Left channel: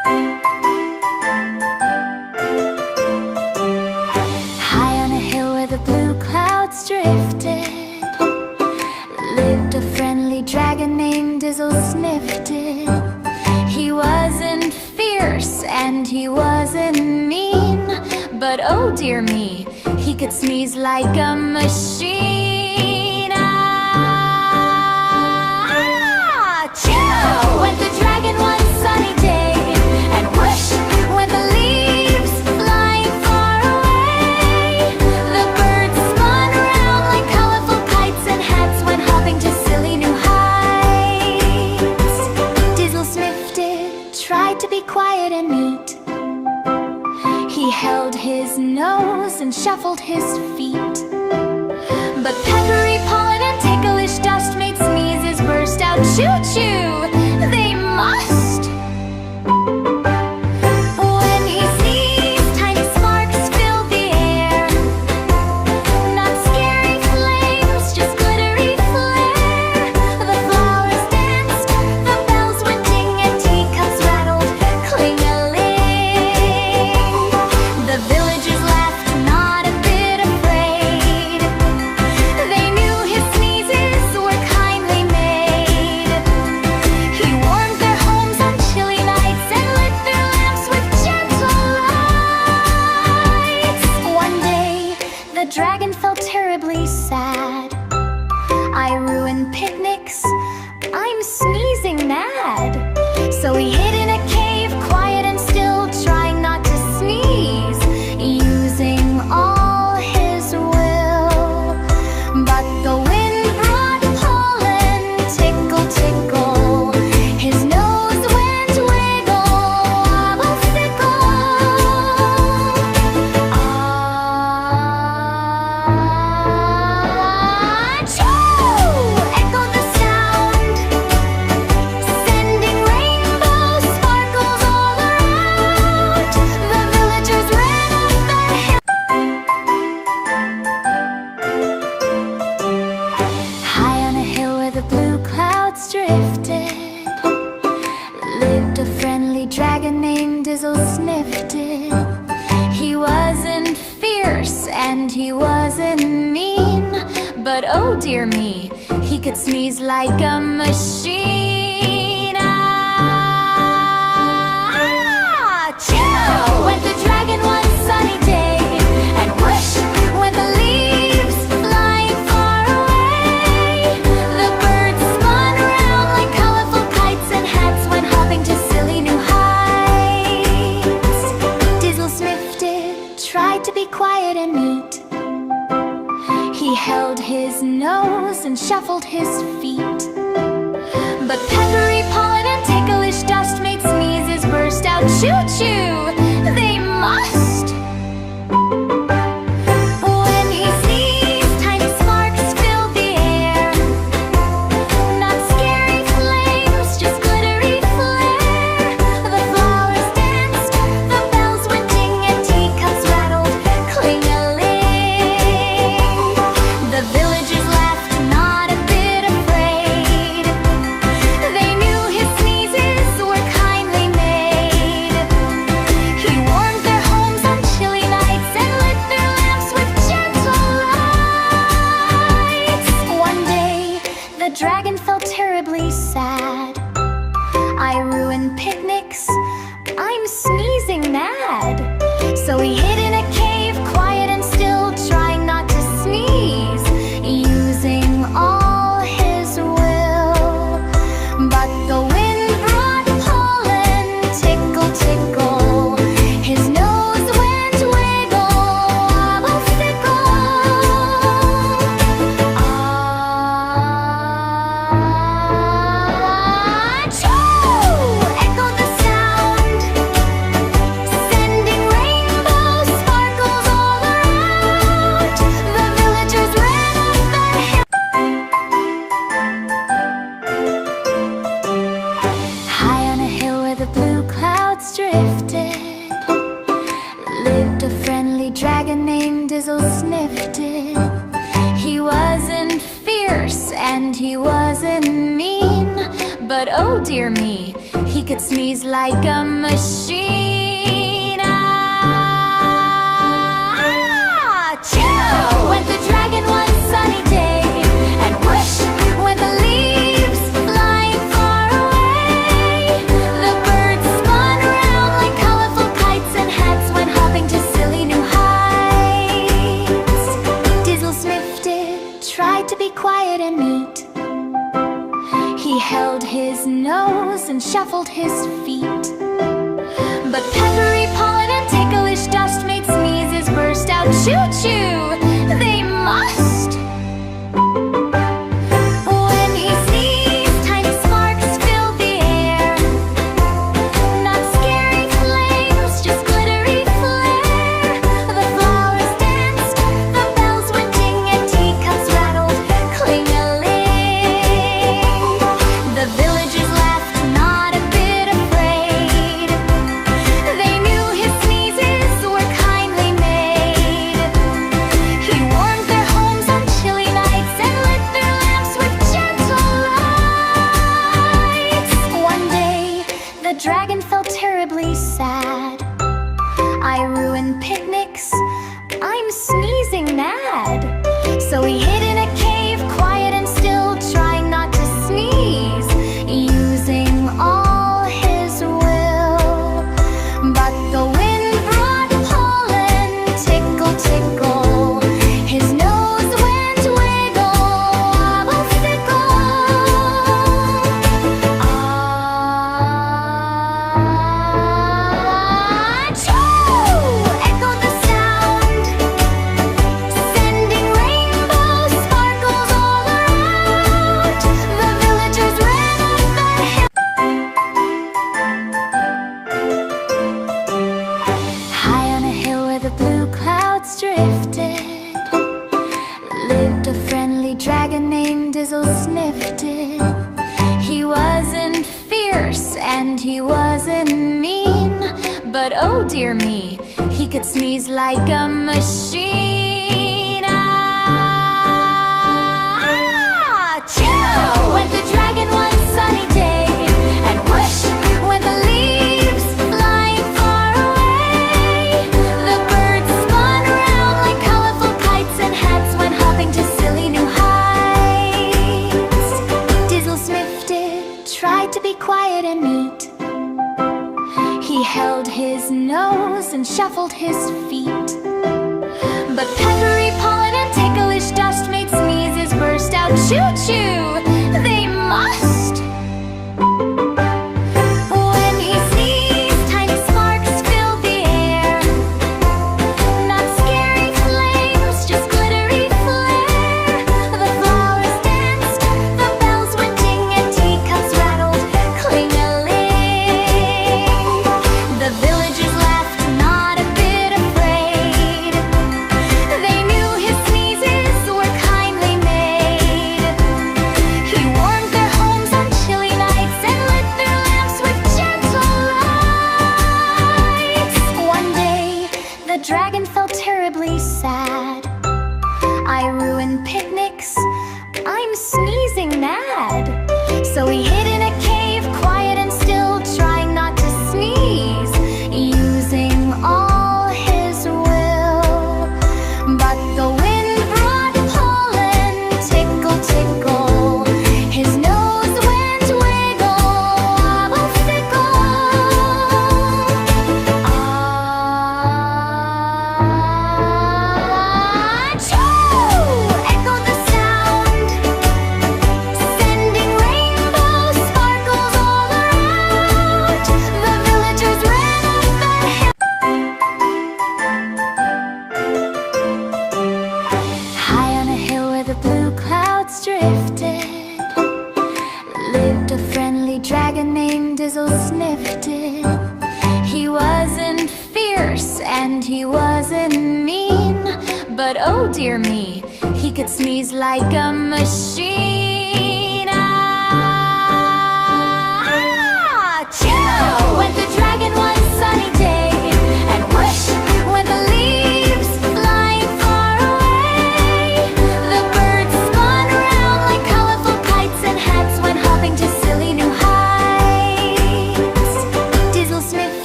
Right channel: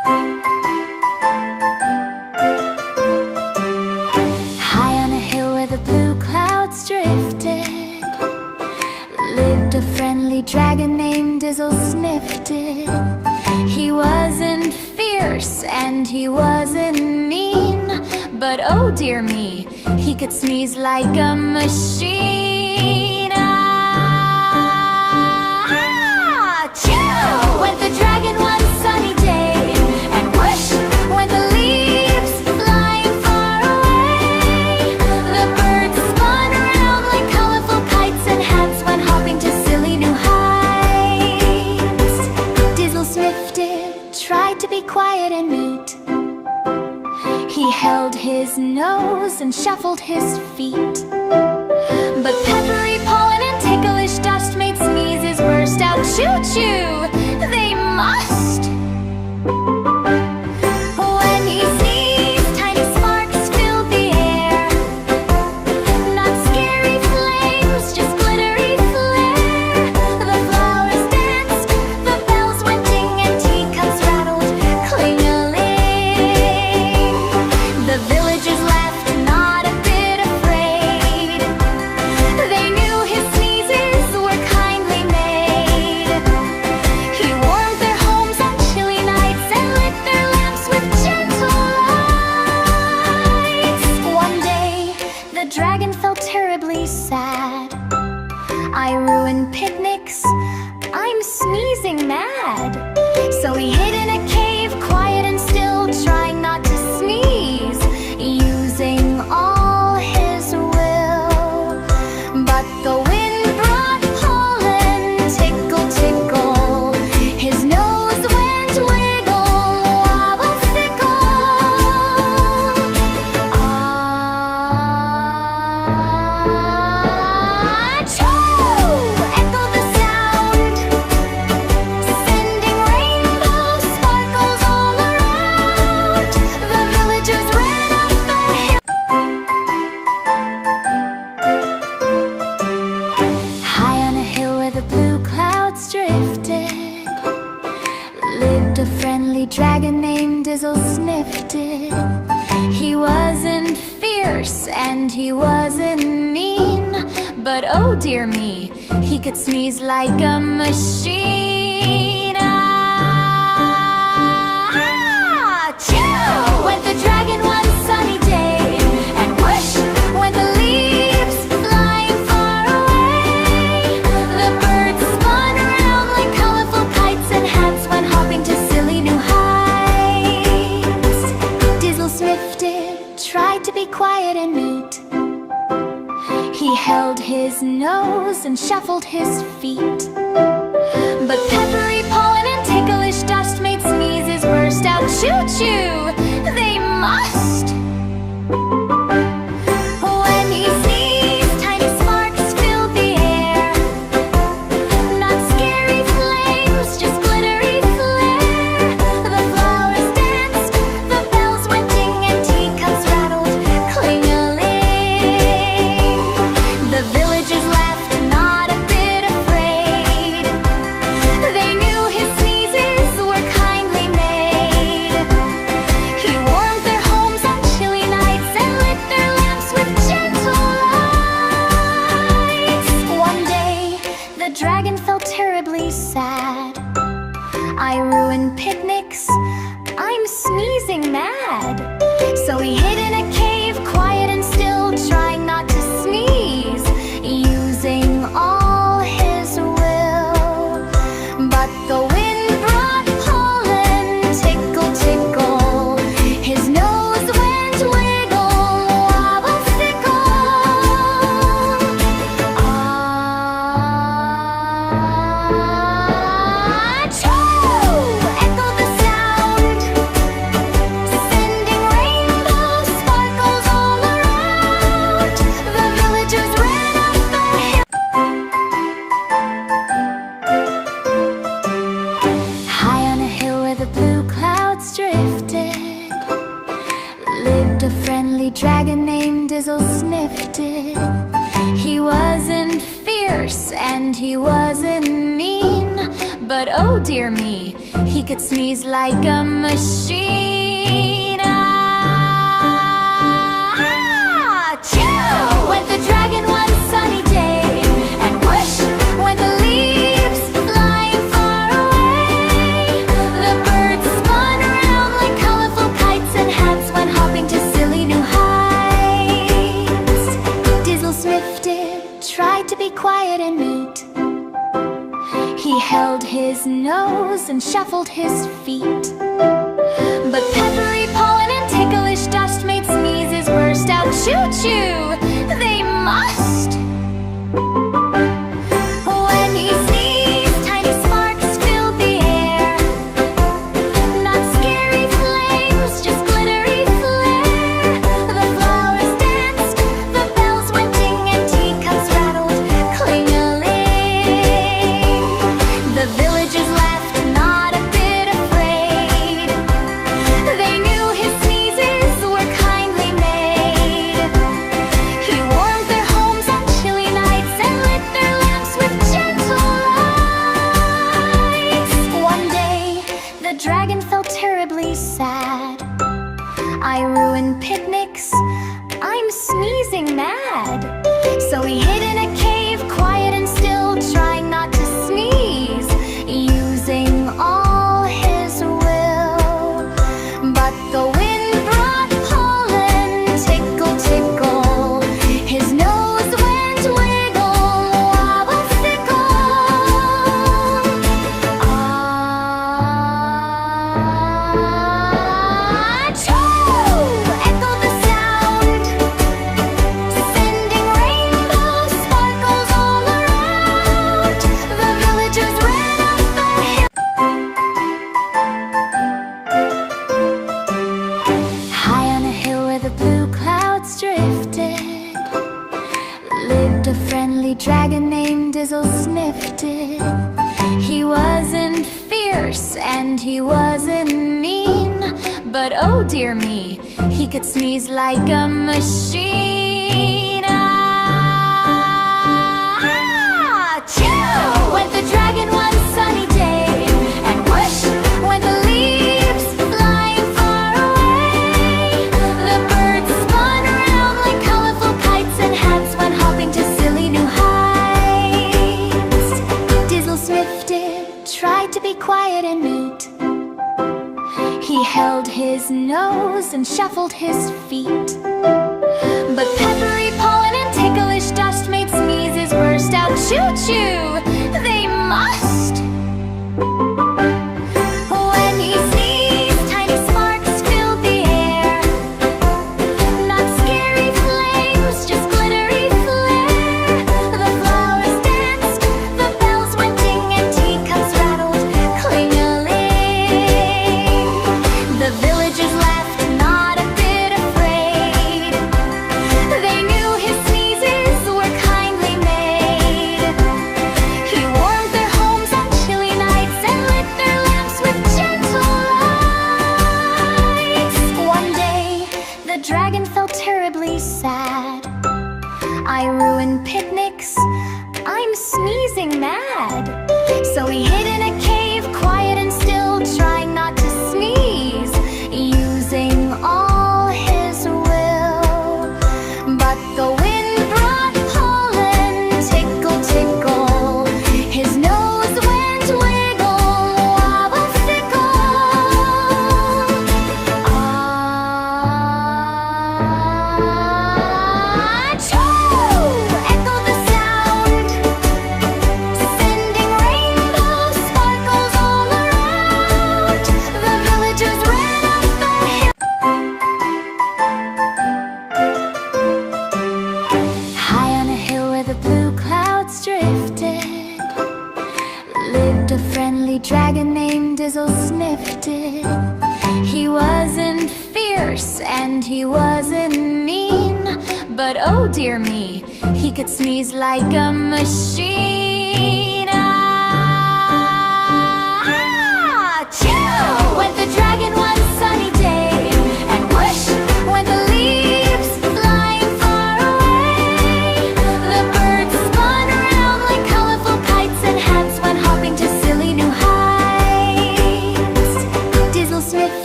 High on a hill where the blue clouds drifted lived a friendly dragon named Dizzle Snifted. He wasn't fierce and he wasn't mean, but oh dear me, he could sneeze like a machine. Achoo! Went the dragon one sunny day, and whoosh went the leaves flying far away. The birds spun around like colorful kites, and hats went hopping to silly new heights. Dizzle Snifted tried to be quiet and neat. He held his nose and shuffled his feet, but peppery pollen and ticklish dust made sneezes burst out. Choo-choo, they must! When he sneezed, tiny sparks filled the air. Not scary flames, just glittery flare. The flowers danced, the bells went ding, and teacups rattled, cling-a-ling. The villagers laughed, not a bit afraid. They knew his sneezes were kindly made. He warmed their homes on chilly nights and lit their lamps with gentle lights. One day, the dragon felt terribly sad. I ruined picnics, I'm sneezing mad. So he hid in a cave, quiet and still, trying not to sneeze, using all his will. But the wind brought pollen, tickle, tickle. His nose went wiggle, wobble, fickle. Achoo! Echoed the sound, sending rainbow sparkles all around. The villagers ran up the hill. High on a hill where the blue clouds drifted lived a friendly dragon named Dizzle Snifted. He wasn't fierce and he wasn't mean, but oh dear me, he could sneeze like a machine. Achoo! Went the dragon one sunny day, and whoosh went the leaves flying far away. The birds spun around like colorful kites, and hats went hopping to silly new heights. Dizzle Snifted tried to be quiet and neat. He held his nose and shuffled his feet, but peppery pollen and ticklish dust made sneezes burst out. Choo-choo, they must! When he sneezed, tiny sparks filled the air. Not scary flames, just glittery flare. The flowers danced, the bells went ding, and teacups rattled, cling-a-ling. The villagers laughed, not a bit afraid. They knew his sneezes were kindly made. He warmed their homes on chilly nights and lit their lamps with gentle lights. One day, the dragon felt terribly sad. I ruined picnics, I'm sneezing mad. So he hid in a cave, quiet and still, trying not to sneeze, using all his will. But the wind brought pollen, tickle, tickle. His nose went wiggle, wobble, fickle. Achoo! Echoed the sound, sending rainbow sparkles all around. The villagers ran up the hill. High on a hill where the blue clouds drifted lived a friendly dragon named Dizzle Snifted. He wasn't fierce and he wasn't mean, but oh dear me, he could sneeze like a machine. Achoo! Went the dragon one sunny day, and whoosh went the leaves flying far away. The birds spun around like colorful kites, and hats went hopping to silly new heights. Dizzle sniffed it, tried to be quiet and neat. He held his nose and shuffled his feet. But peppery pollen and ticklish dust made sneezes burst out. Choo-choo, they must! When he sneezed, tiny sparks filled the air. Not scary flames, just glittery flare. The flowers danced, the bells went ding, and teacups rattled, cling-a-ling. The villagers laughed, not a bit afraid. They knew his sneezes were kindly made. He warmed their homes on chilly nights and lit their lamps with gentle lights. One day, the dragon felt terribly sad. I ruined picnics, I'm sneezing mad. So he hid in a cave, quiet and still, trying not to sneeze, using all his will. But the wind brought pollen, tickle, tickle. His nose went wiggle, wobble, fickle. Achoo! Echoed the sound, sending rainbow sparkles all around. The villagers ran up the hill. High on a hill where the blue clouds drifted, lived a friendly dragon named Dizzle Sniffed It. He wasn't fierce and he wasn't mean, but oh dear me, he could sneeze like a machine. Achoo! Went the dragon one sunny day, and whoosh went the leaves flying far away. The birds spun around like colorful kites, and hats went hopping to silly new heights. Dizzle sniffed it, tried to be quiet and neat. He held his nose and shuffled his feet. But peppery pollen and ticklish dust made sneezes burst out. Choo-choo, they must! When he sneezed, tiny sparks filled the air. Not scary flames, just glittery flare. The flowers danced, the bells went ding, and teacups rattled, cling-a-ling. The villagers laughed, not a bit afraid. They knew his sneezes were kindly made. He warmed their homes on chilly nights and lit their lamps with gentle lights. One day, the dragon felt terribly sad. I ruined picnics, I'm sneezing mad. So he hid in a cave, quiet and still, trying not to sneeze, using all his will. But the wind brought pollen, tickle, tickle. His nose went wiggle, wobble, fickle. Achoo! Echoed the sound, sending rainbow sparkles all around. The villagers ran up the hill. High on a hill where the blue clouds drifted, lived a friendly dragon named Dizzle Sniffed It. He wasn't fierce and he wasn't mean, but oh dear me, he could sneeze like a machine. Achoo! Went the dragon one sunny day, and whoosh went the leaves flying far away. The birds spun around like colorful kites, and hats went hopping to silly new heights.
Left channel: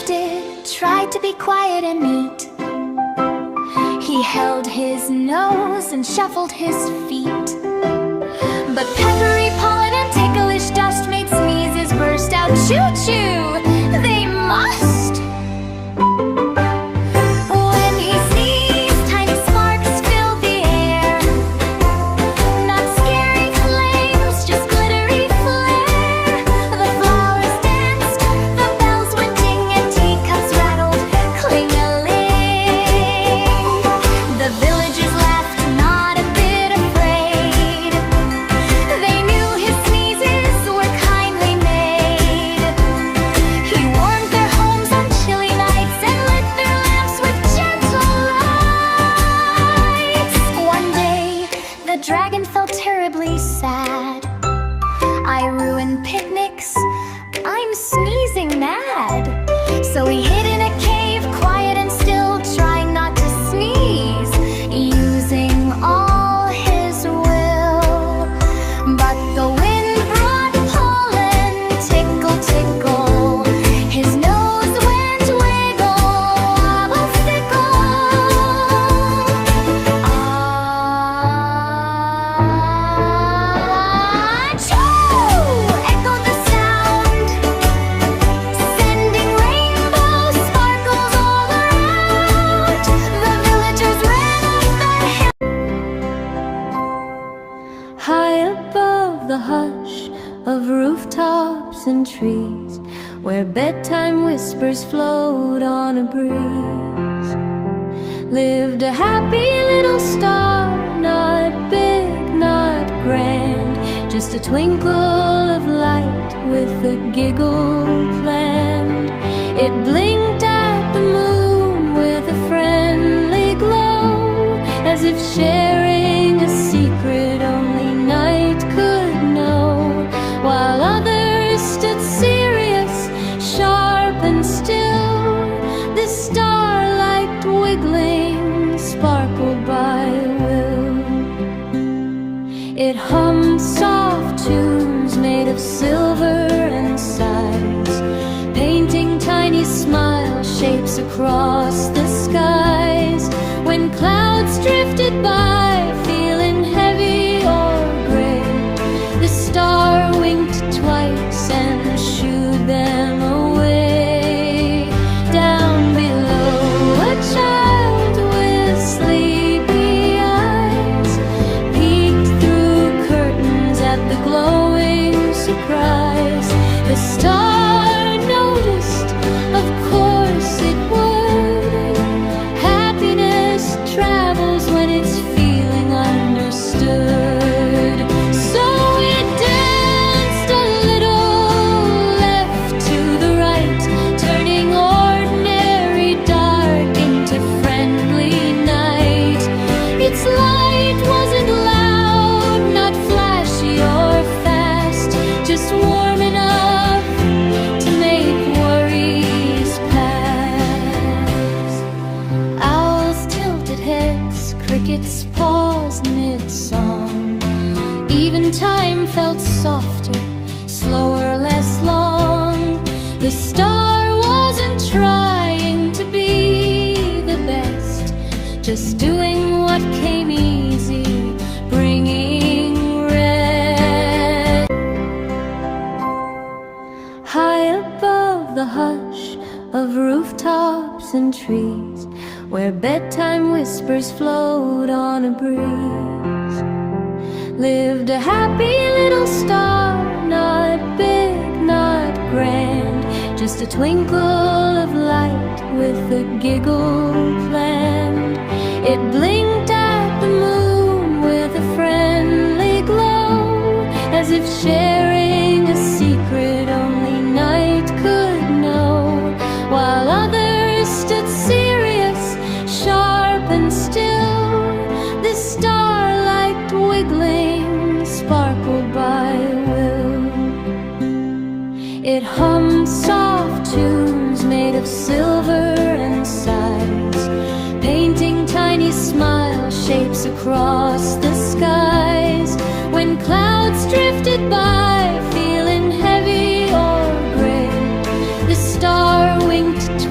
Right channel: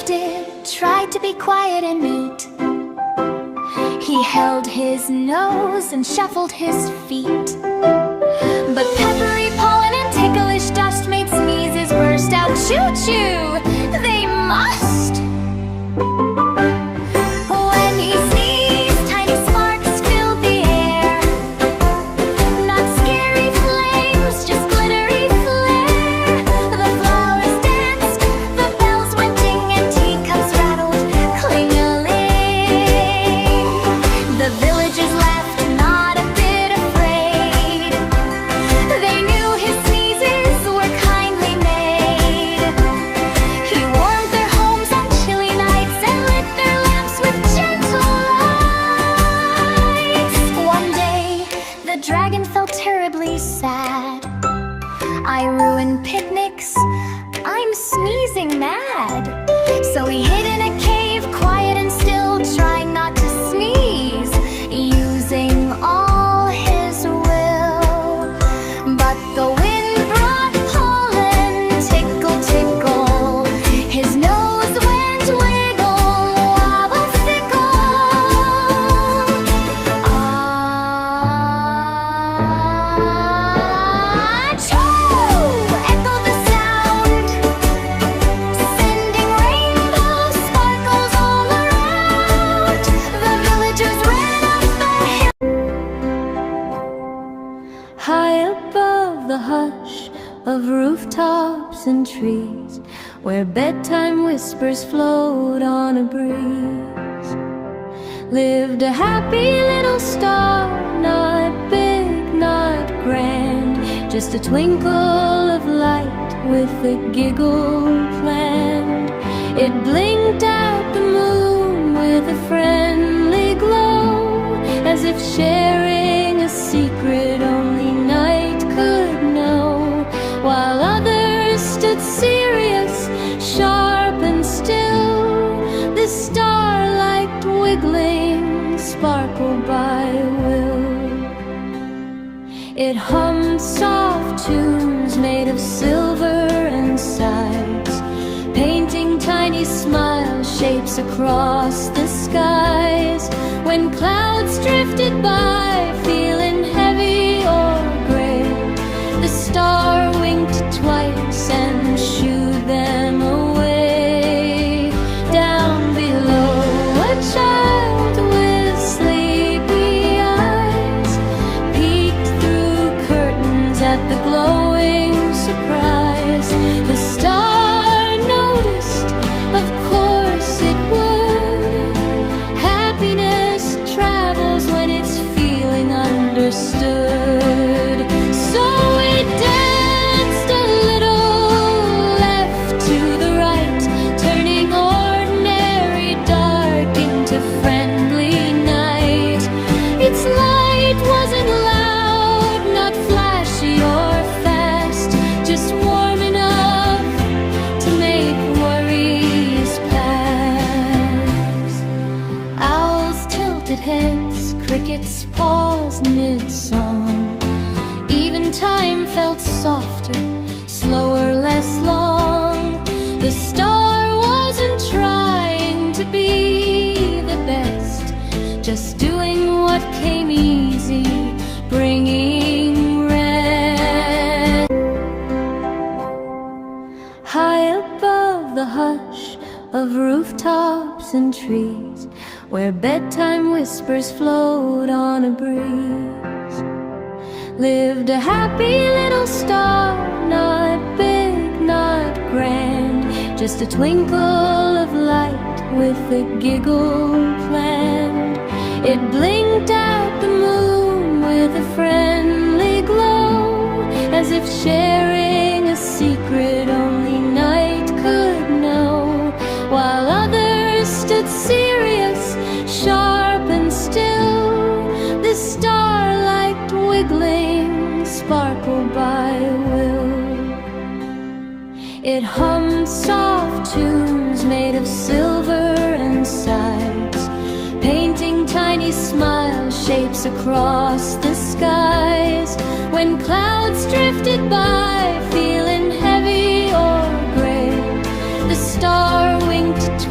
did try to be quiet and neat. He held his nose and shuffled his feet. But peppery pollen and ticklish dust made sneezes burst out. Choo-choo! They must! When he sneezed, tiny sparks filled the air. Not scary flames, just glittery flare. The flowers danced, the bells went ding, and teacups rattled, cling-a-ling. The villagers laughed, not a bit afraid. They knew his sneezes were kindly made. He warmed their homes on chilly nights and lit their lamps with gentle lights. One day, the dragon felt terribly sad. I ruined picnics, I'm sneezing mad. So he hid in a cave, quiet and still, trying not to sneeze, using all his will. But the wind brought pollen, tickle, tickle. His nose went wiggle, wobble, fickle. Achoo! Echoed the sound, sending rainbow sparkles all around. The villagers ran up the hill. High above the hush of rooftops and trees, where bedtime whispers float on a breeze, lived a happy little star, not big, not grand, just a twinkle of light with a giggle planned. It blinked at the moon with a friendly glow, as if sharing a secret only night could know, while others stood serious, sharp and still. The starlight wiggling sparkled by will. It hummed soft tunes made of silver and sighs, painting tiny smile shapes across the skies. When clouds drifted by, feeling heavy or gray, the star winked twice and shooed them away. Down below, a child with sleepy eyes peeked through curtains at the glowing surprise. The star noticed, of course it would. Happiness travels when it's feeling understood. So it danced a little left to the right, turning ordinary dark into friendly night. Its light wasn't loud, not flashy or fast, just warm enough to make worries pass. Owls tilted heads, crickets paused mid-song. Even time felt softer, slower, less long. The star wasn't trying to be the best, just doing what came easy, bringing rest. High above the hush of rooftops and trees, where bedtime whispers float on a breeze, lived a happy little star, not big, not grand, just a twinkle of light with a giggle planned. It blinked at the moon with a friendly glow, as if sharing a secret only night could know, while others stood serious, sharp and still. The starlight wiggling sparkled by will. It hummed soft tunes made of silver and sighs, painting tiny smile shapes across the skies. When clouds drifted by, feeling heavy or gray, the star winked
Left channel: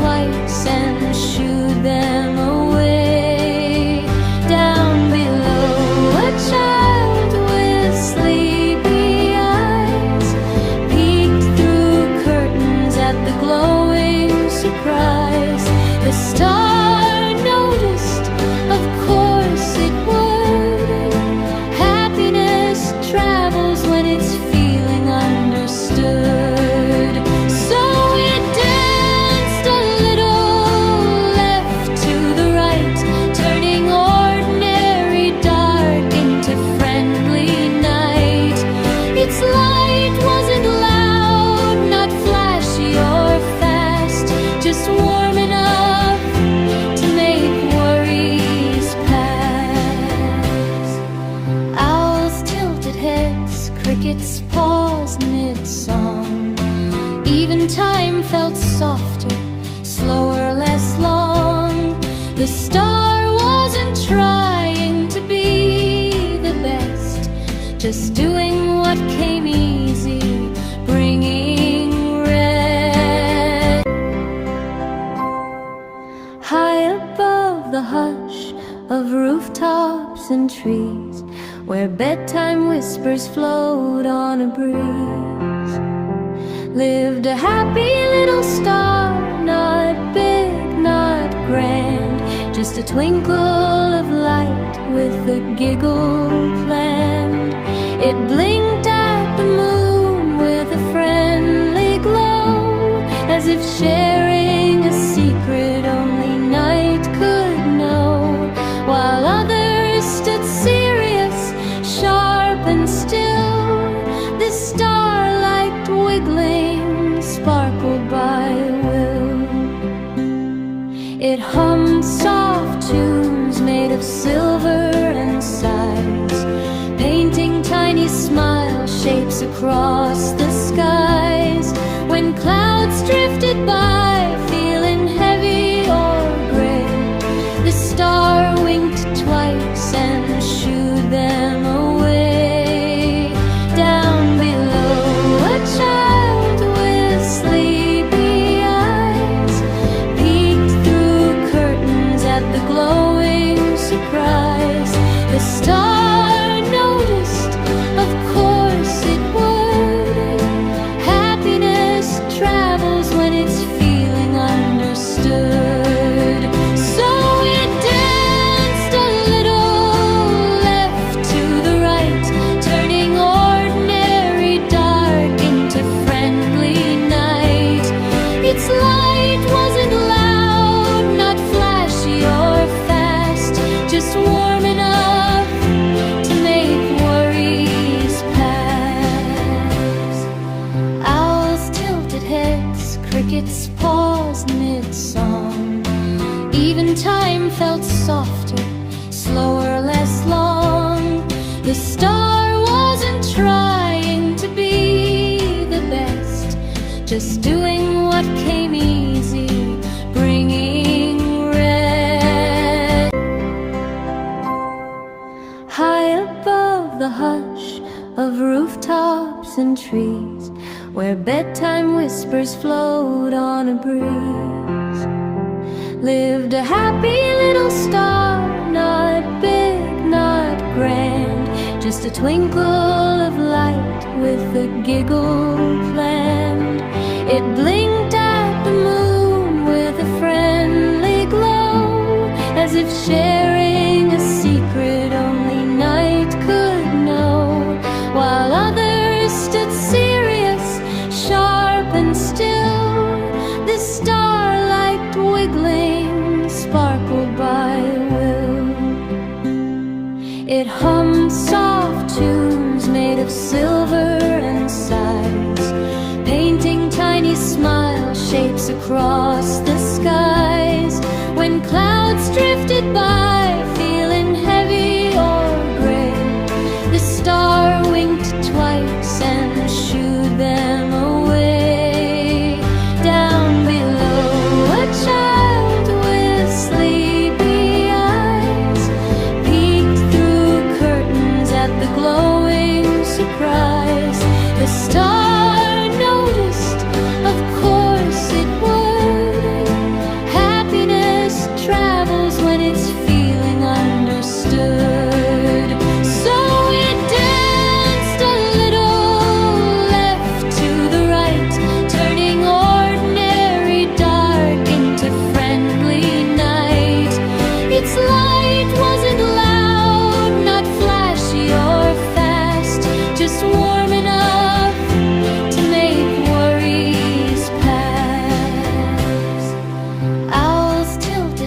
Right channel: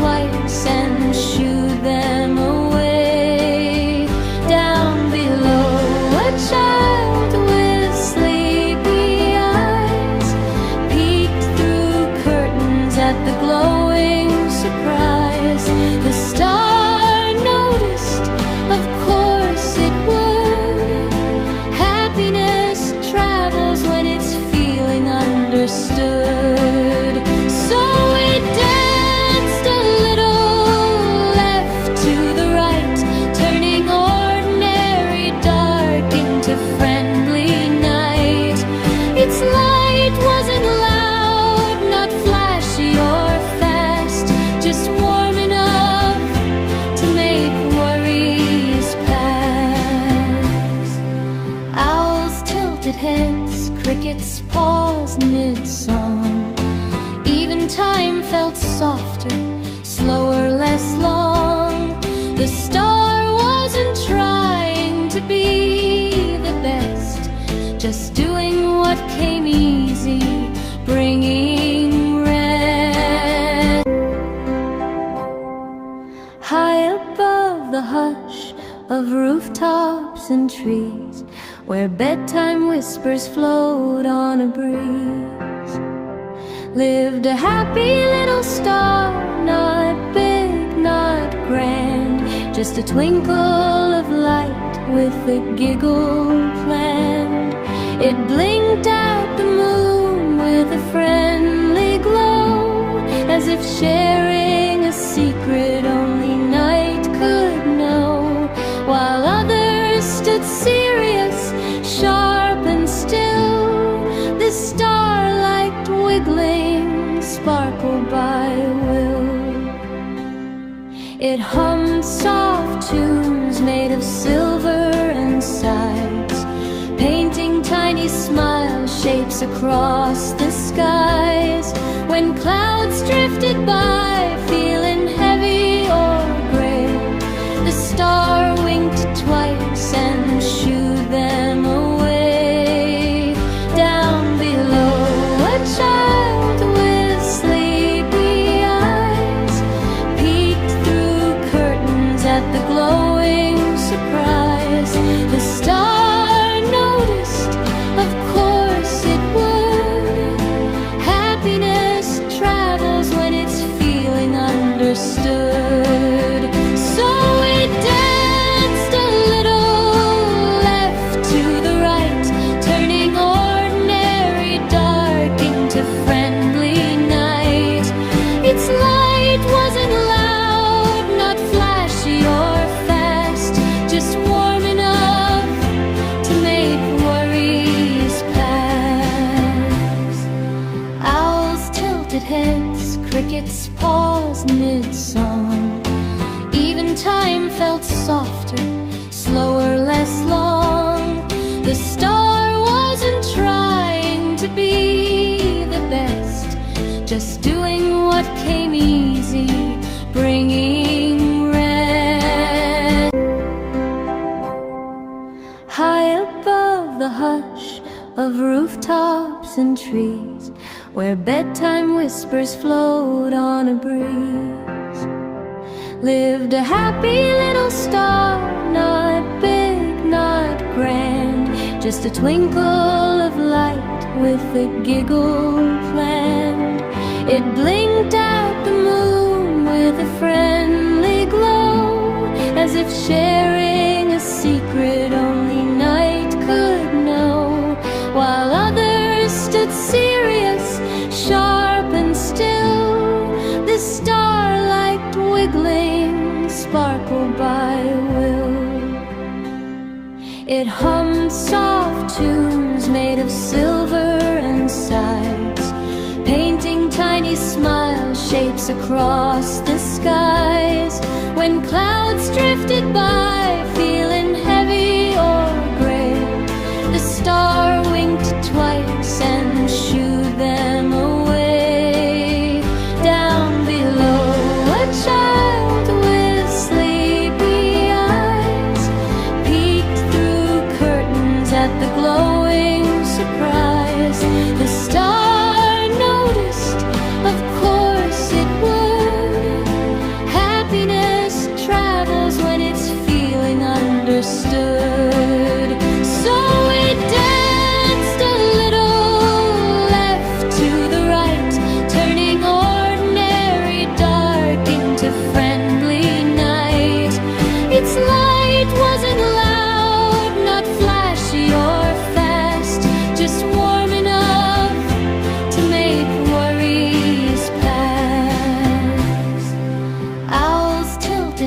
star noticed, of course it would. Happiness travels when it's feeling understood. So it danced a little left to the right, turning ordinary dark into friendly night. Its light wasn't loud, not flashy or fast, just warm enough to make worries pass. Owls tilted heads, crickets paused mid-song. Even time felt softer, slower, less long. The star wasn't trying to be the best, just doing what came easy, bringing rest. High above the hush of rooftops and trees, where bedtime whispers float on a breeze, lived a happy little star, not big, not grand, just a twinkle of light with a giggle planned. It blinked at the moon with a friendly glow, as if sharing a secret only night could know, while others stood serious, sharp and still. The starlight wiggling, sparkled by will. It hummed soft tunes made of silver and sighs, painting tiny smile shapes across the skies. When clouds drifted by, feeling heavy or gray, the star winked twice and shooed them away. Down below, a child with sleepy eyes peeked through curtains at the glowing surprise. The star noticed, of course it would. Happiness travels when it's feeling understood. So it danced a little left to the right, turning ordinary dark into friendly night. Its light wasn't loud, not flashy or fast, just warm enough to make worries pass. Owls tilted heads, crickets paused mid-song. Even time felt softer, slower, less long. The star wasn't trying to be the best, just doing what came easy, bringing rest. High above the hush of rooftops and trees, where bedtime whispers float on a breeze, lived a happy little star, not big, not grand, just a twinkle of light with a giggle planned. It blinked at the moon with a friendly glow, as if sharing a secret only night could know, while others stood serious, sharp and still. The starlight wiggling, sparkled by will. It hummed soft tunes made of silver and sighs, painting tiny smile shapes across the skies. When clouds drifted by, feeling heavy or gray, the star winked twice and shooed them away. Down below, a child with sleepy eyes peeked through curtains at the glowing surprise. The star noticed, of course it would. Happiness travels when it's feeling understood. So it danced a little left to the right, turning ordinary dark into friendly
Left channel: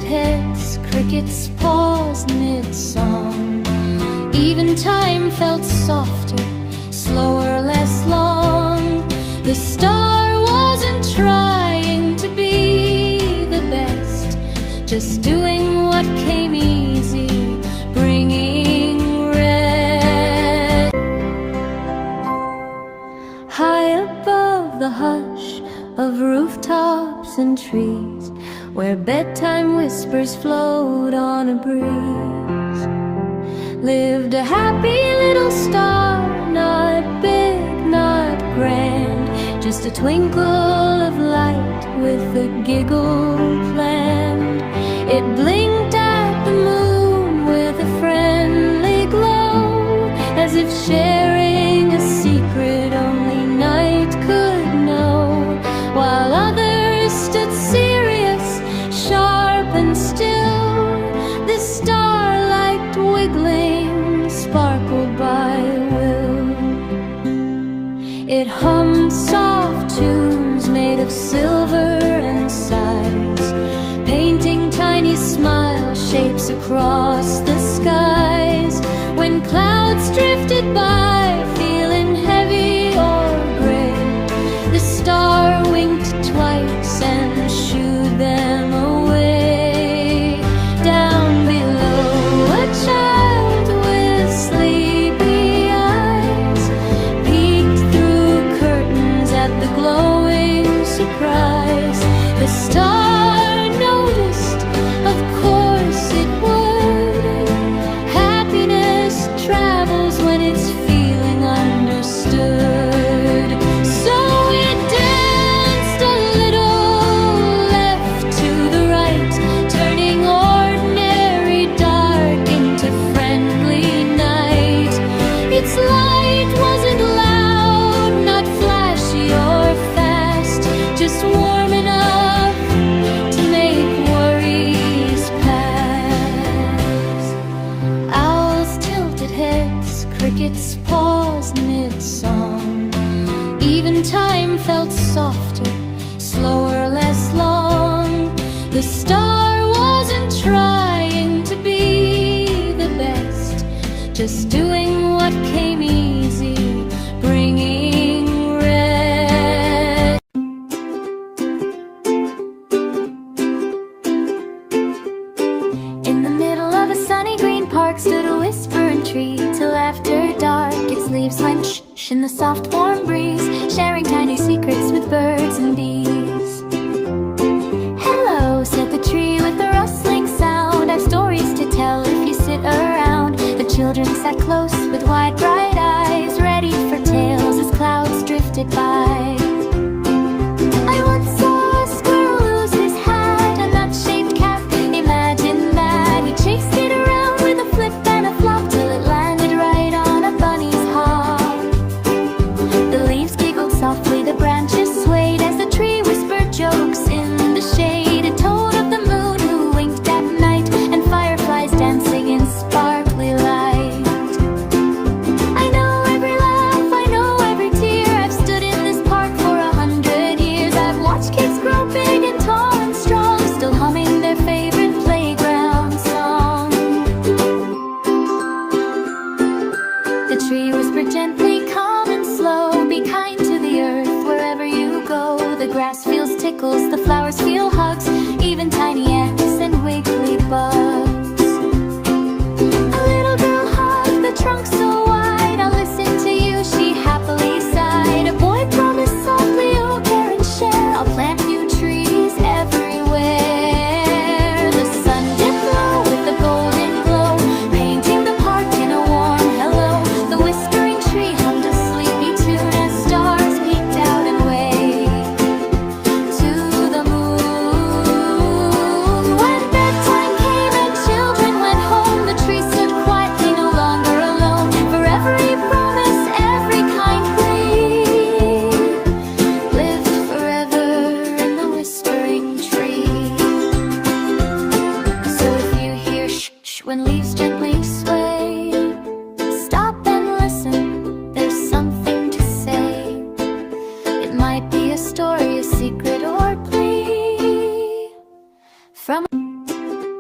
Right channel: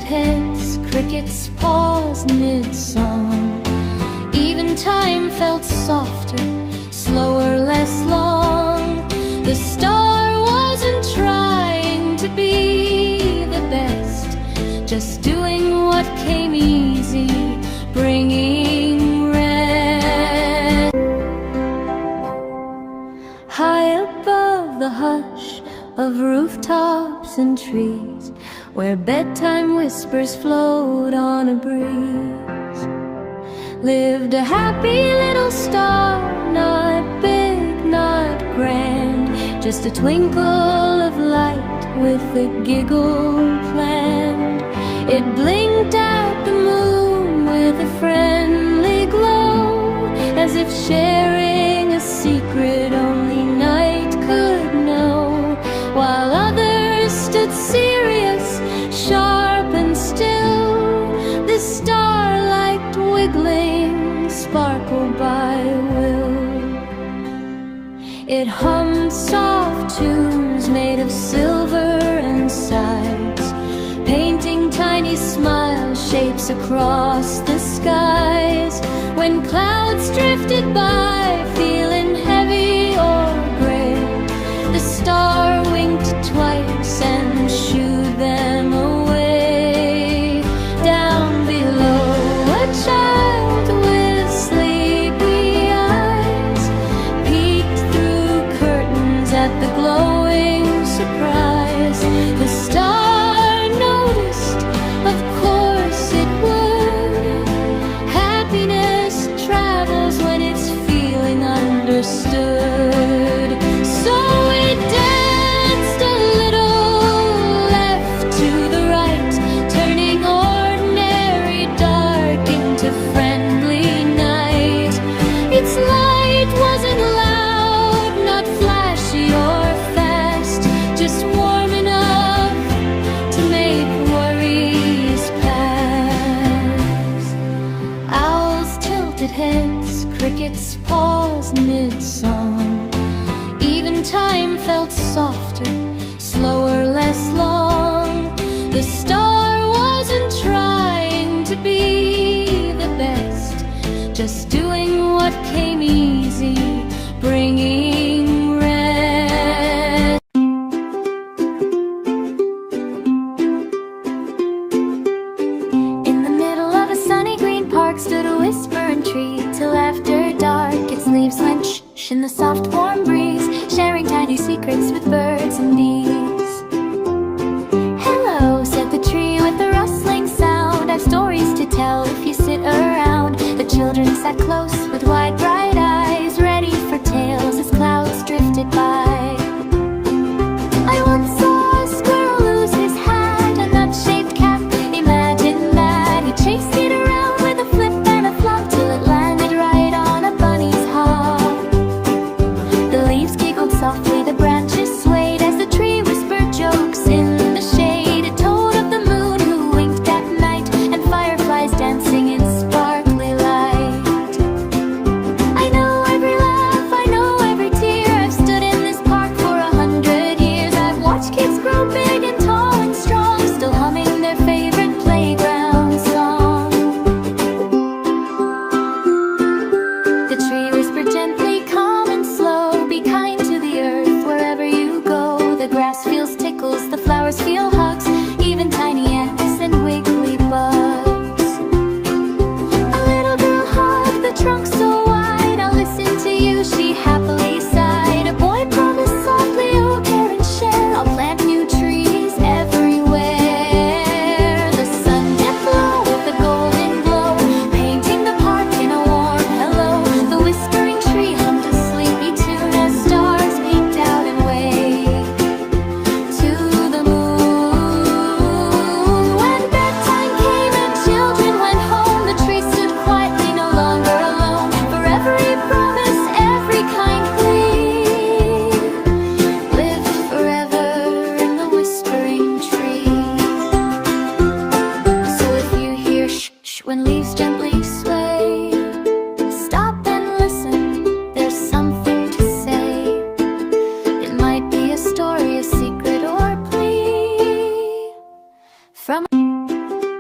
heads, crickets paused mid-song. Even time felt softer, slower, less long. The star wasn't trying to be the best, just doing what came easy, bringing rest. High above the hush of rooftops and trees, where bedtime whispers float on a breeze, lived a happy little star, not big, not grand, just a twinkle of light with a giggle planned. It blinked at the moon with a friendly glow, as if sharing a secret only night could know, while others stood serious, sharp and still. The starlight wiggling sparkled by will. It hummed soft tunes made of silver and sighs, painting tiny smile shapes across the skies. When clouds drifted by, feeling heavy or gray, the star winked twice and shooed them away. Down below, a child with sleepy eyes peeked through curtains at the glowing surprise. The star noticed, of course it would. Happiness travels when it's feeling understood. So it danced a little left to the right, turning ordinary dark into friendly night. Its light wasn't loud, not flashy or fast, just warm enough to make worries pass. Owls tilted heads, crickets paused mid-song. Even time felt softer, slower, less long. The star wasn't trying to be the best, just doing what came easy, bringing rest. In the middle of a sunny green park stood a whispering tree, till after dark its leaves went shh in the soft warm breeze, sharing tiny secrets with birds and bees. Hello, said the tree with a rustling sound, I've stories to tell if you sit around. The children sat close with wide bright eyes, ready for tales as clouds drifted by. I once saw a squirrel lose his hat, a nut-shaped cap, imagine that. He chased it around with a flip and a flop till it landed right on a bunny's hop. The leaves giggled softly, the branches swayed as the tree whispered jokes in the shade. It told of the moon who winked at night and fireflies dancing in sparkly light. I know every laugh, I know every tear. I've stood in this park for 100 years. I've watched kids grow big and tall and strong, still humming their favorite playground song. The tree whispered gently, calm and slow, be kind to the earth wherever you go. The grass feels tickles, the flowers feel hugs, even tiny ants and wiggly bugs. A little girl hugged the trunk so wide, I'll listen to you, she happily sighed. A boy promised softly, oh care and share, I'll plant new trees everywhere. The sun dipped low with a golden glow, painting the park in a warm hello. The whispering tree hummed a sleepy tune as stars peeked out and waved to the moon. When bedtime came and children went home, the tree stood quietly, no longer alone. For every promise, every kind plea, lived forever in the whispering tree. So if you hear shh shh when leaves gently sway, stop and listen, there's something to say. It might be a story, a secret, or a plea from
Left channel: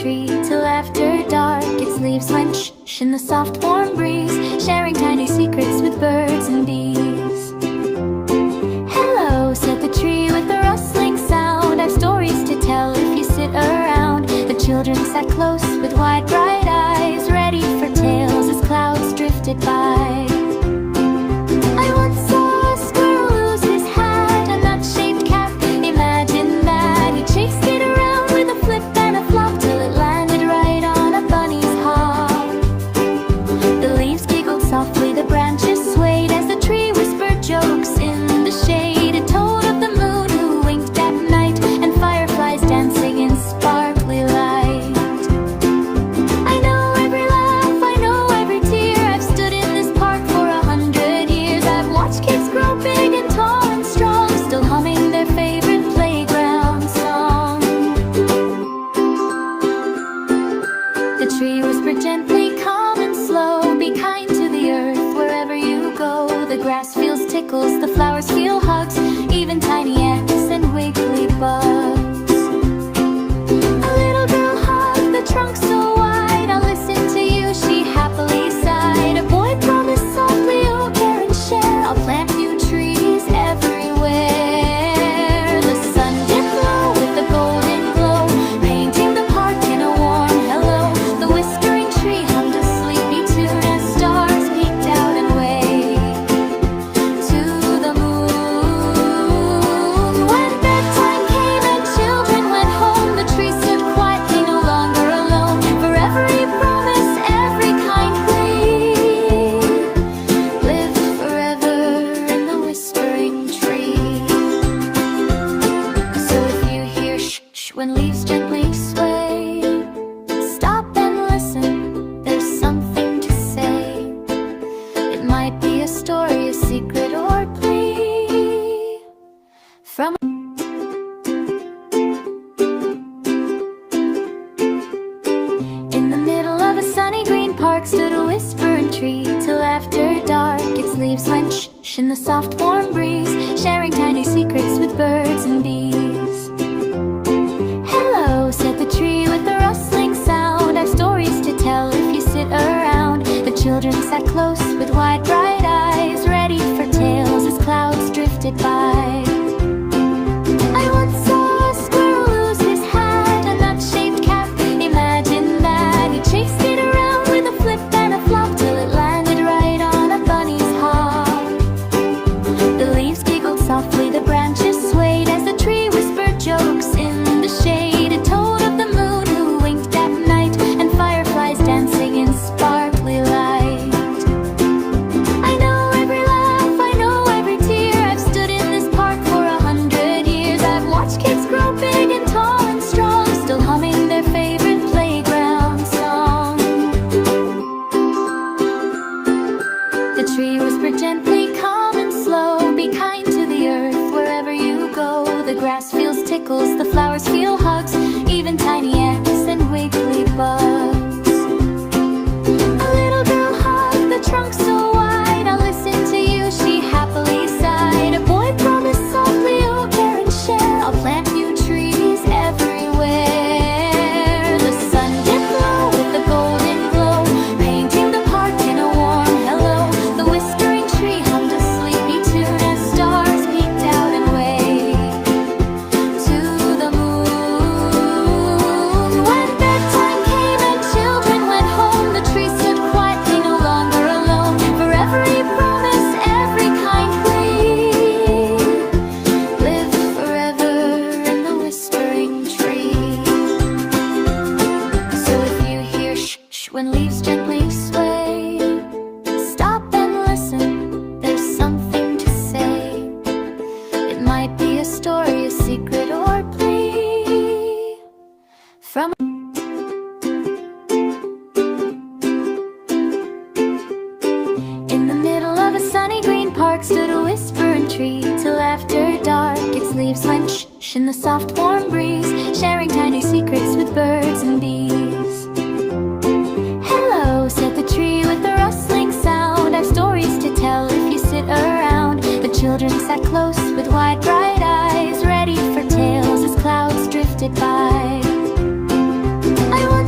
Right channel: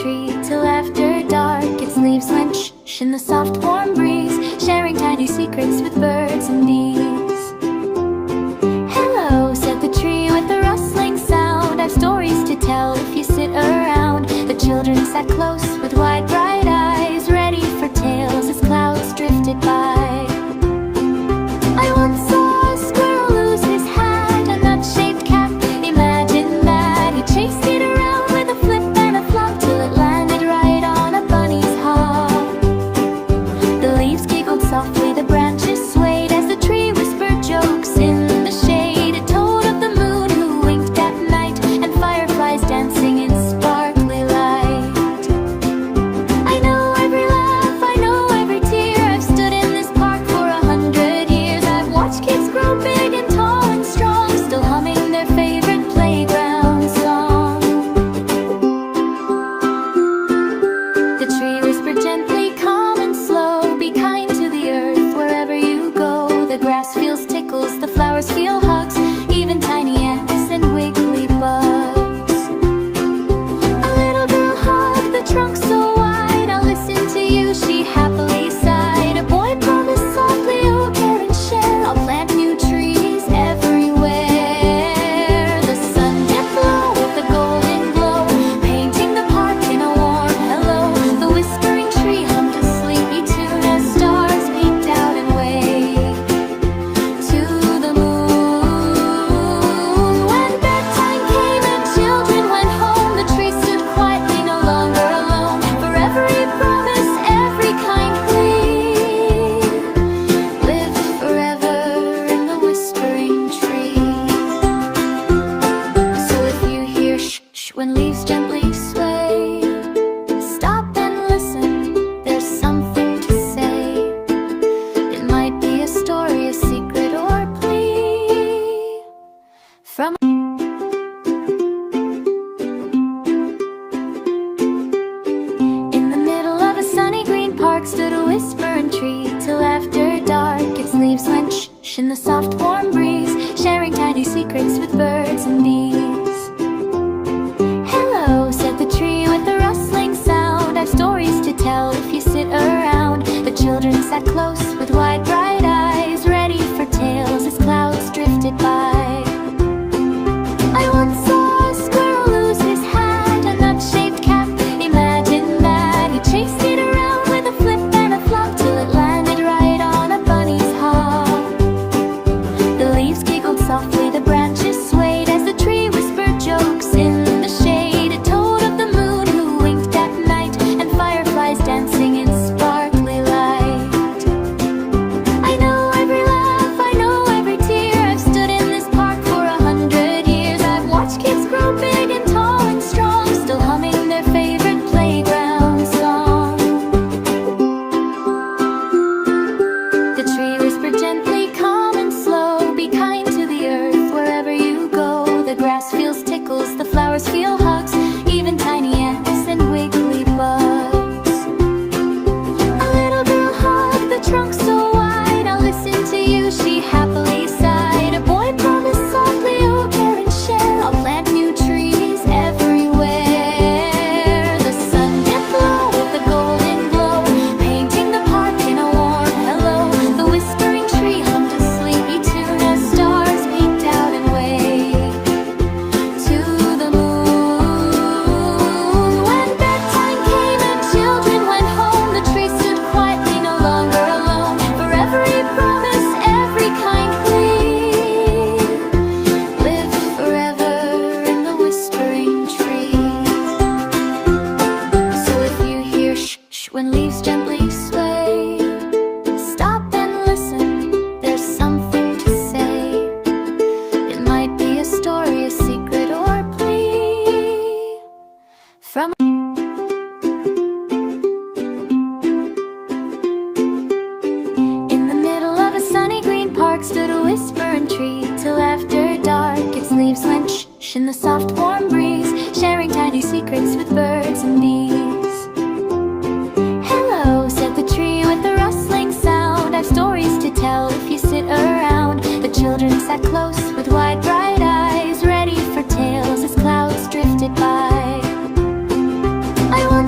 tree till after dark. Its leaves went shh in the soft warm breeze, sharing tiny secrets with birds and bees. Hello, said the tree with a rustling sound. I've stories to tell if you sit around. The children sat close with wide bright eyes, ready for tales as clouds drifted by. I once saw a squirrel lose his hat, a nut-shaped cap, imagine that. He chased it around with a flip and a flop till it landed right on a bunny's hop. The leaves giggled softly, the branches swayed as the tree whispered jokes in the shade. It told of the moon who winked at night and fireflies dancing in sparkly light. I know every laugh, I know every tear. I've stood in this park for 100 years. I've watched kids grow big and tall and strong, still humming their favorite playground song. The tree whispered gently, calm and slow, be kind to the earth wherever you go. The grass feels tickles, the flowers feel hugs, even tiny ants and wiggly bugs. A little girl hugged the trunk so wide, I'll listen to you, she happily sighed. A boy promised softly, oh care and share, I'll plant new trees everywhere. The sun dipped low with a golden glow, painting the park in a warm hello. The whispering tree hummed a sleepy tune as stars peeked out and waved to the moon. When bedtime came and children went home, the tree stood quietly, no longer alone. For every promise, every kind plea, lived forever in the whispering tree. So if you hear shh when leaves gently sway, stop and listen, there's something to say. It might be a story, a secret, or plea from in the middle of a sunny green park stood a whispering tree till after dark. Its leaves went shh in the soft warm breeze, sharing tiny secrets with birds and bees. Hello, said the tree with a rustling sound. I've stories to tell if you sit around. The children sat close with wide bright eyes, ready for tales as clouds drifted by. I once saw a squirrel lose his hat, a nut-shaped cap, imagine that. He chased it around with a flip and a flop till it landed right on a bunny's hop. The leaves giggled softly, the branches swayed as the tree whispered jokes in the shade. It told of the moon who winked at night and fireflies dancing in sparkly light. I know every laugh, I know every tear. I've stood in this park for 100 years. I've watched kids grow big and tall and strong, still humming their favorite playground song. The tree whispered gently, calm and slow, be kind to the earth wherever you go. The grass feels tickles, the flowers feel hugs, even tiny ants and wiggly bugs. A little girl hugged the trunk so wide, I'll listen to you, she happily sighed. A boy promised softly, oh care and share, I'll plant new trees everywhere. The sun dipped low with a golden glow, painting the park in a warm hello. The whispering tree hummed a sleepy tune as stars peeked out and waved to the moon. When bedtime came and children went home, the tree stood quietly, no longer alone. For every promise, every kind plea, lived forever in the whispering tree. So if you hear shh when leaves gently sway, stop and listen, there's something to say. It might be a story, a secret, or plea from in the middle of a sunny green park stood a whispering tree till after dark. Its leaves went shh in the soft warm breeze, sharing tiny secrets with birds and bees. Hello, said the tree with a rustling sound. I've stories to tell if you sit around. The children sat close with wide bright eyes, ready for tales as clouds drifted by. I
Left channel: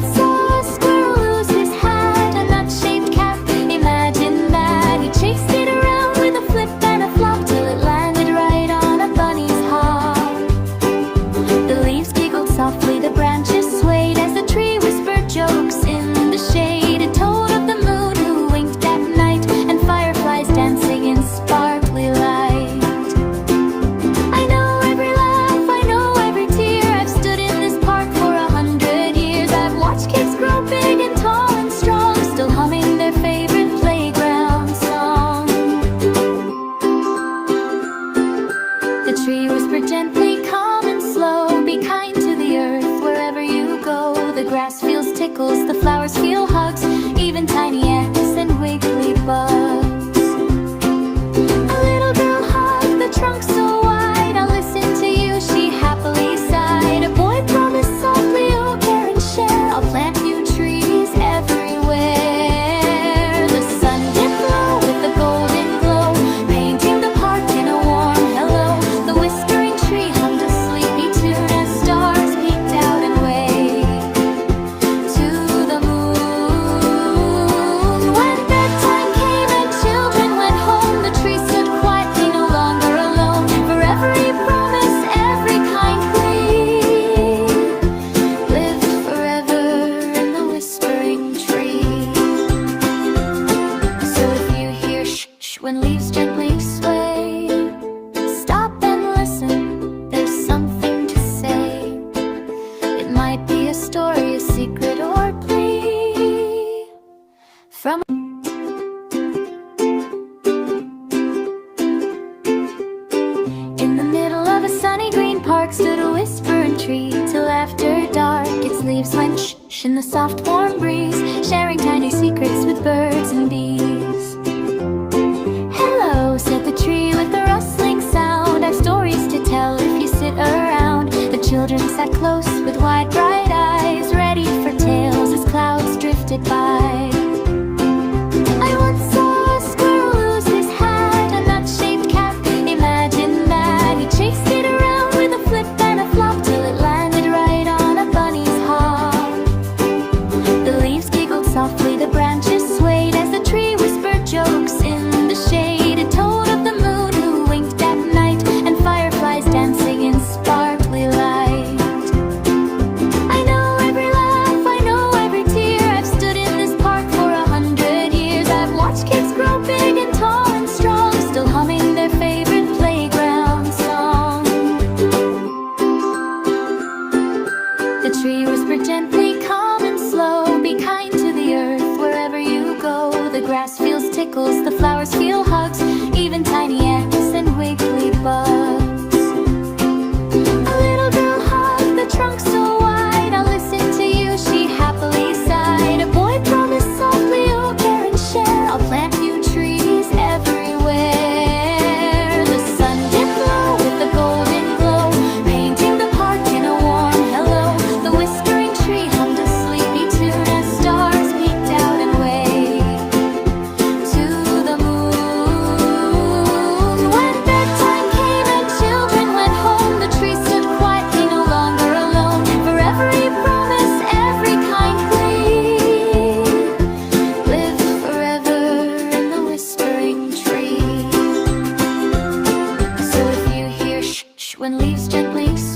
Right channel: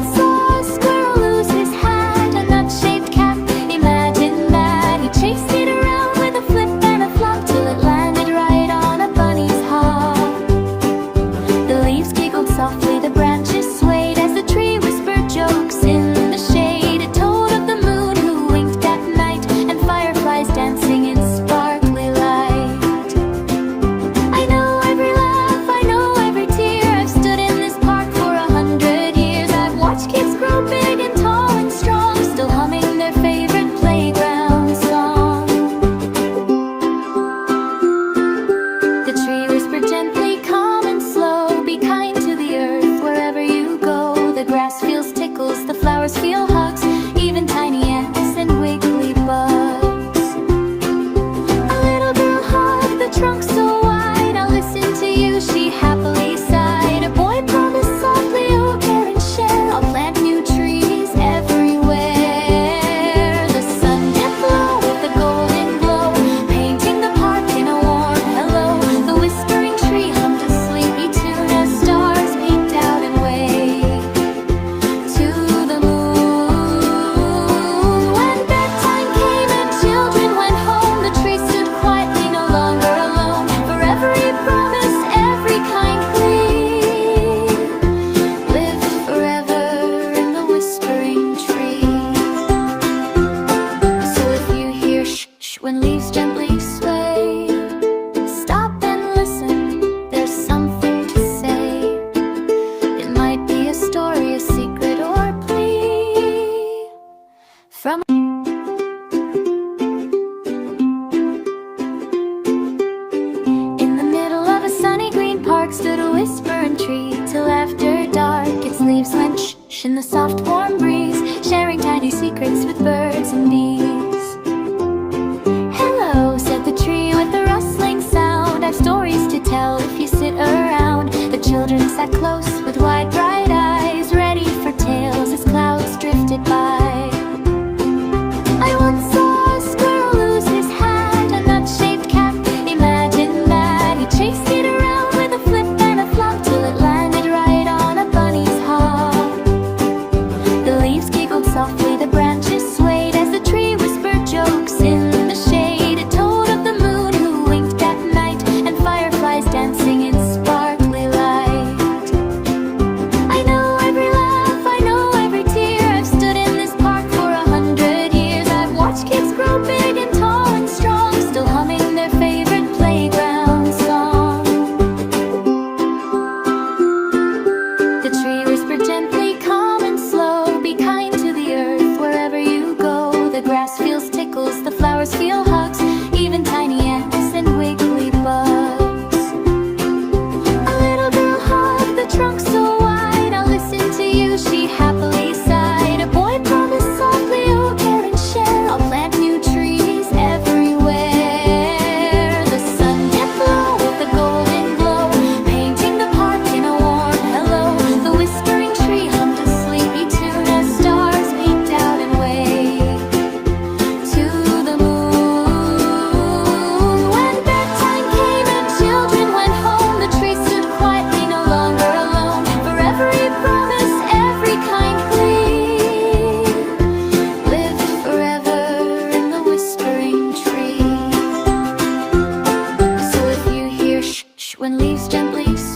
chased it around with a flip and a flop till it landed right on a bunny's hop. The leaves giggled softly, the branches swayed as the tree whispered jokes in the shade. It told of the moon who winked at night and fireflies dancing in sparkly light. I know every laugh, I know every tear. I've stood in this park for 100 years. I've watched kids grow big and tall and strong, still humming their favorite playground song. The tree whispered gently, calm and slow, be kind to the earth wherever you go. The grass feels tickles, the flowers feel hugs, even tiny ants and wiggly bugs. A little girl hugged the trunk so wide, I'll listen to you, she happily sighed. A boy promised softly, oh care and share, I'll plant new trees everywhere. The sun dipped low with a golden glow, painting the park in a warm hello. The whispering tree hummed a sleepy tune as stars peeked out and waved to the moon. When bedtime came and children went home, the tree stood quietly, no longer alone. For every promise, every kind plea, lived forever in the whispering tree. So if you hear shh when leaves gently sway, stop and listen, there's something to say. It might be a story, a secret, or a plea from in the middle of a sunny green park stood a whispering tree till after dark. Its leaves went shh in the soft warm breeze, sharing tiny secrets with birds and bees. Hello, said the tree with a rustling sound, I've stories to tell if you sit around. The children sat close with wide bright eyes, ready for tales as clouds drifted by. I once saw a squirrel lose his hat, a nut-shaped cap, imagine that. He chased it around with a flip and a flop till it landed right on a bunny's hop. The leaves giggled softly, the branches swayed as the tree whispered jokes in the shade. It told of the moon who winked at night and fireflies dancing in sparkly light. I know every laugh, I know every tear. I've stood in this park for 100 years. I've watched kids grow big and tall and strong, still humming their favorite playground song. The tree whispered gently, calm and slow, be kind to the earth wherever you go. The grass feels tickles, the flowers feel hugs, even tiny ants and wiggly bugs. A little girl hugged the trunk so wide, I'll listen to you, she happily sighed. A boy promised softly, oh care and share, I'll plant new trees everywhere. The sun dipped low with a golden glow, painting the park in a warm hello. The whispering tree hummed a sleepy tune as stars peeked out and waved to the moon. When bedtime came and children went home, the tree stood quietly, no longer alone. For every promise, every kind plea, lived forever in the whispering tree. So if you hear shh when leaves gently